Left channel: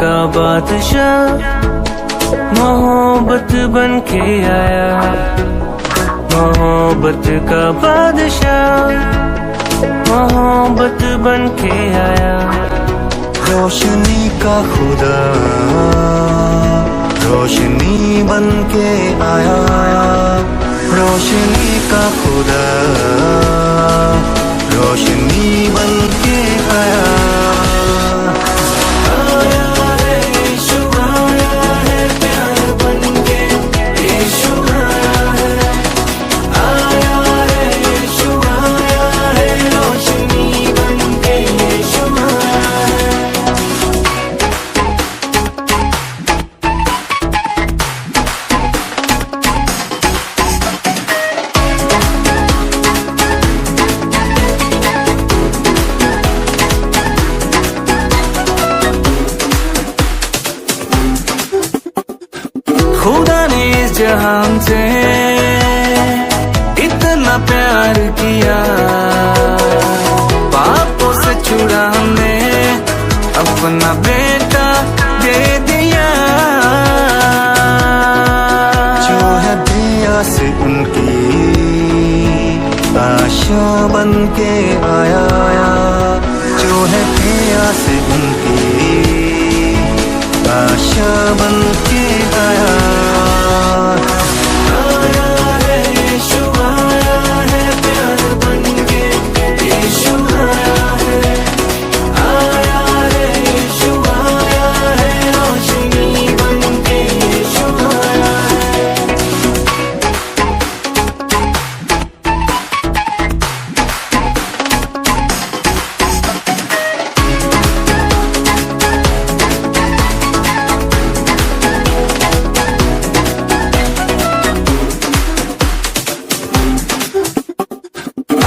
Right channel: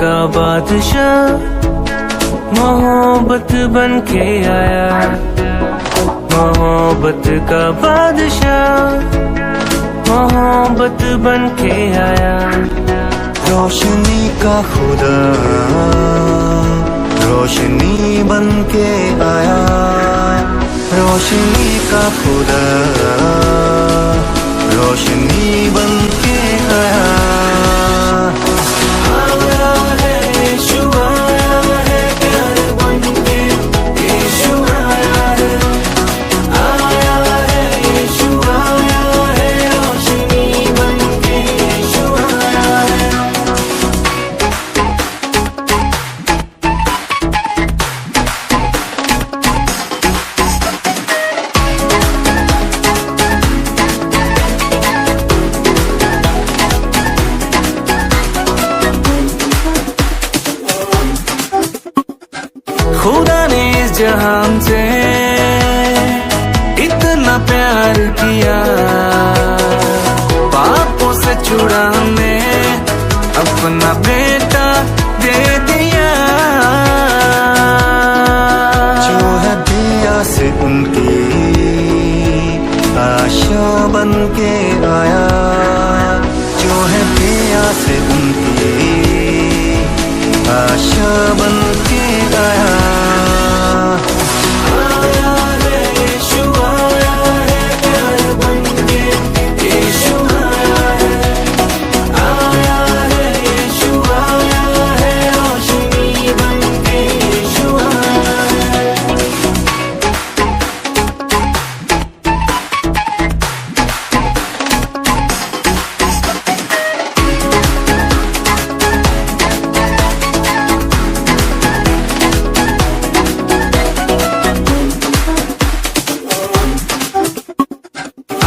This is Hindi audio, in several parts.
का बादशाह मोहब्बत बन के आया, मोहब्बत का बादशाह मोहब्बत बन के आया। रोशनी का खुदा रोशनी बन के आया, रोशनी का खुदा रोशनी बन के आया। खुदा ने इस जहान से इतना प्यार किया, पापों से छुड़ा हमें अपना बेटा दे दिया। जो है दिया से उनकी आशा बन के आया, जो है दिया से उनकी आशा बन के आया।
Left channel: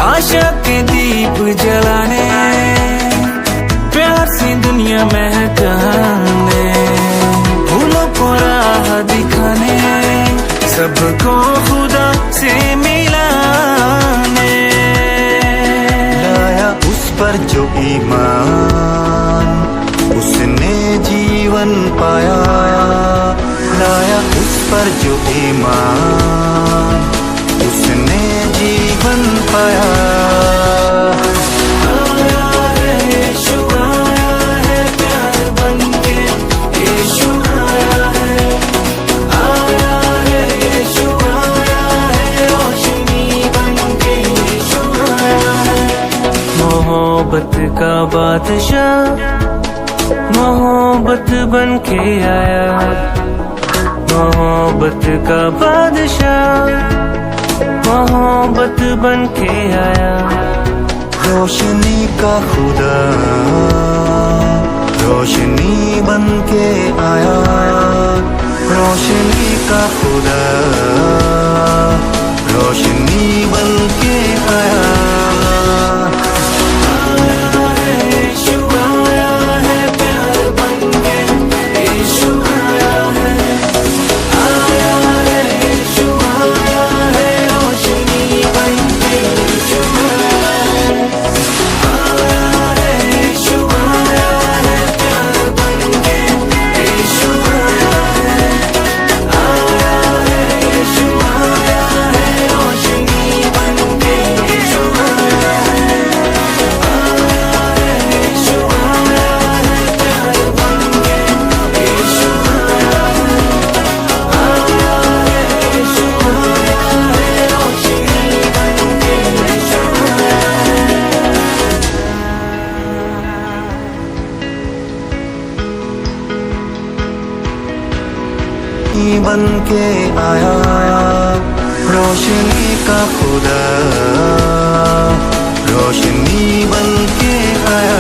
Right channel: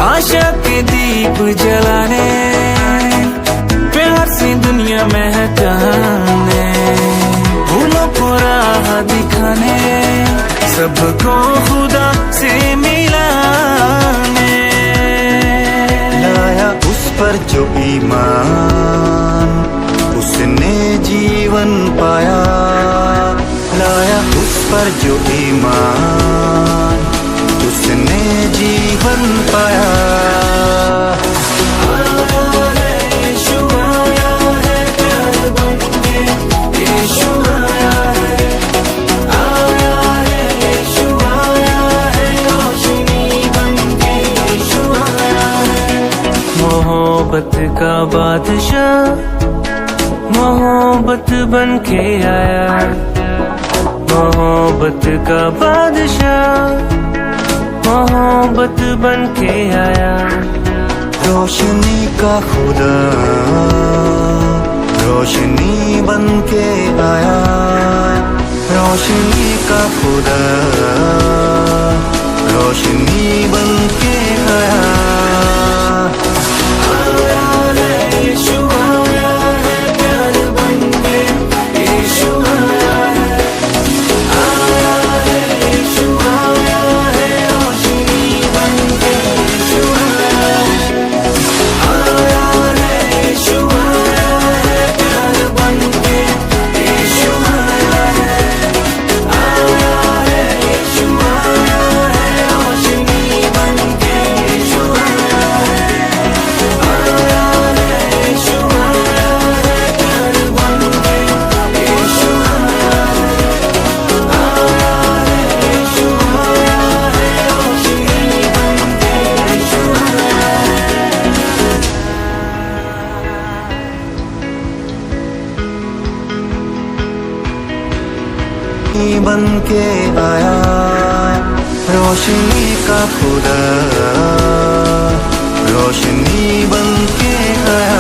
आशा के दीप जलाने, प्यार से दुनिया महकाने, भूलों को राह दिखाने, सबको खुदा से मिलाने। लाया उस पर जो ईमान उसने जीवन पाया, लाया उस पर जो ईमान उसने जीवन पाया। मोहब्बत का बादशाह मोहब्बत बन के आया, मोहब्बत का बादशाह मोहब्बत बन के आया। रोशनी का खुदा रोशनी बन के आया, रोशनी का खुदा रोशनी बन के आया। बन के आया, रोशनी का खुदा रोशनी बन के आया।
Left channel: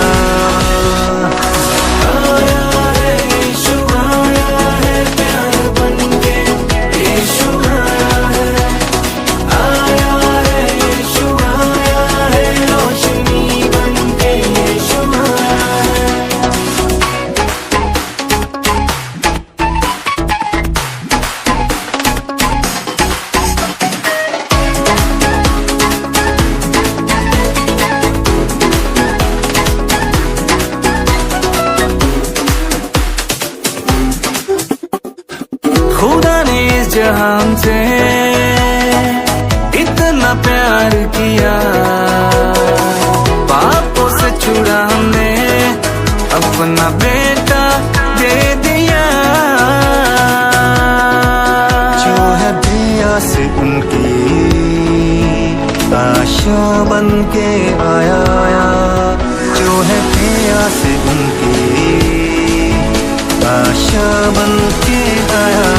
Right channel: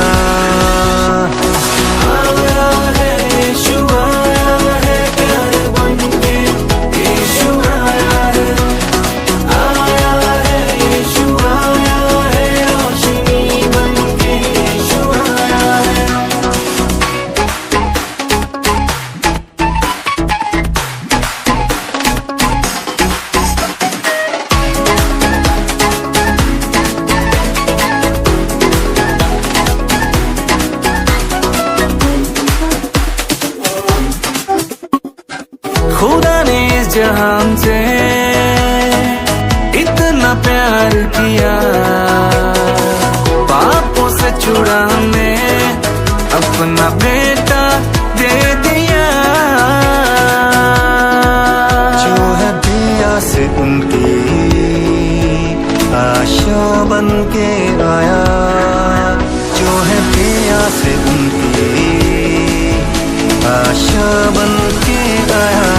खुदा ने इस जहान से इतना प्यार किया, पापों से छुड़ाने अपना बेटा दे दिया। जो है बेआस उनकी आशा बन के आया, जो है बेआस उनकी आशा बन के आया।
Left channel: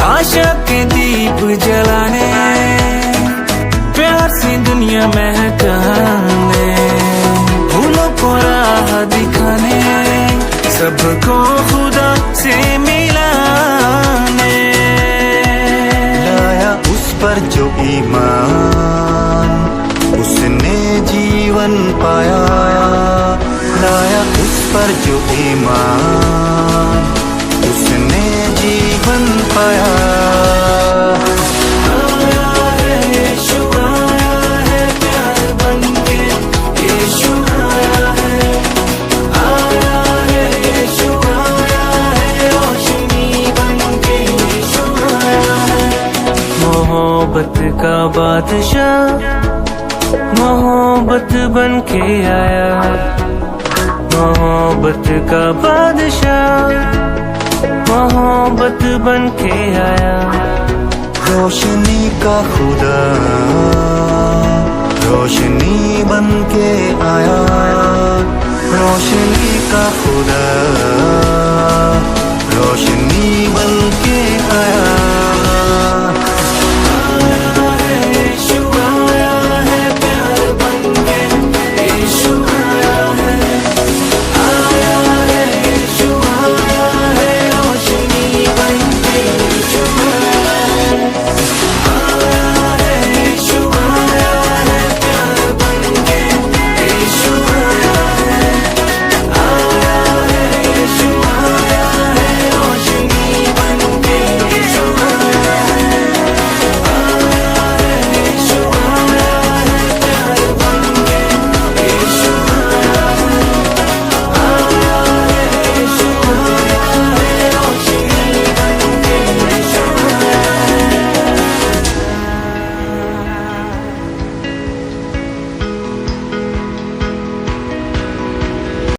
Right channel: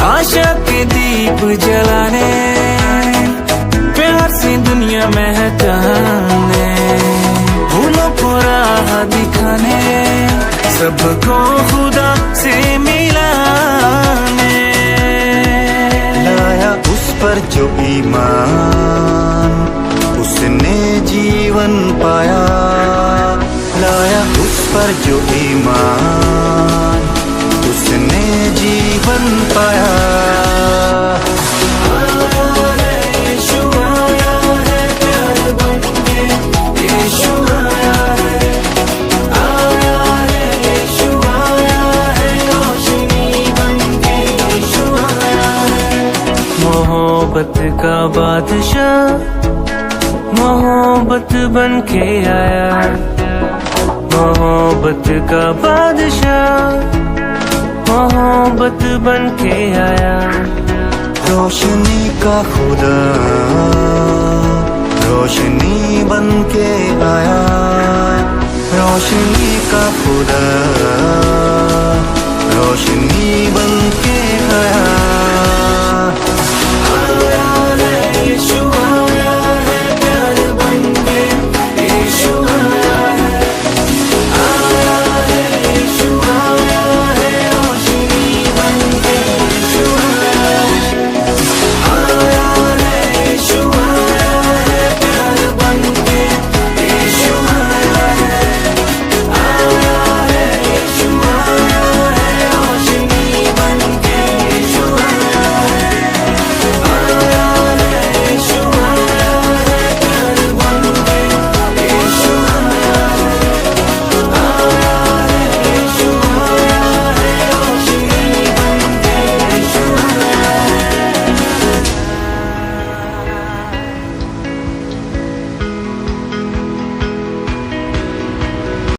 आशा के दीप जलाने, प्यार से दुनिया महकाने, फूलों को राह दिखाने, सबको खुदा से मिलाने। लाया उस पर जो ईमान, उसने जीवन पाया। लाया उस पर जो ईमान, उसने जीवन पाया। मोहब्बत का बादशाह मोहब्बत बन के आया, मोहब्बत का बादशाह मोहब्बत बन के आया। रोशनी का खुदा रोशनी बन के आया, रोशनी का खुदा रोशनी बन के आया।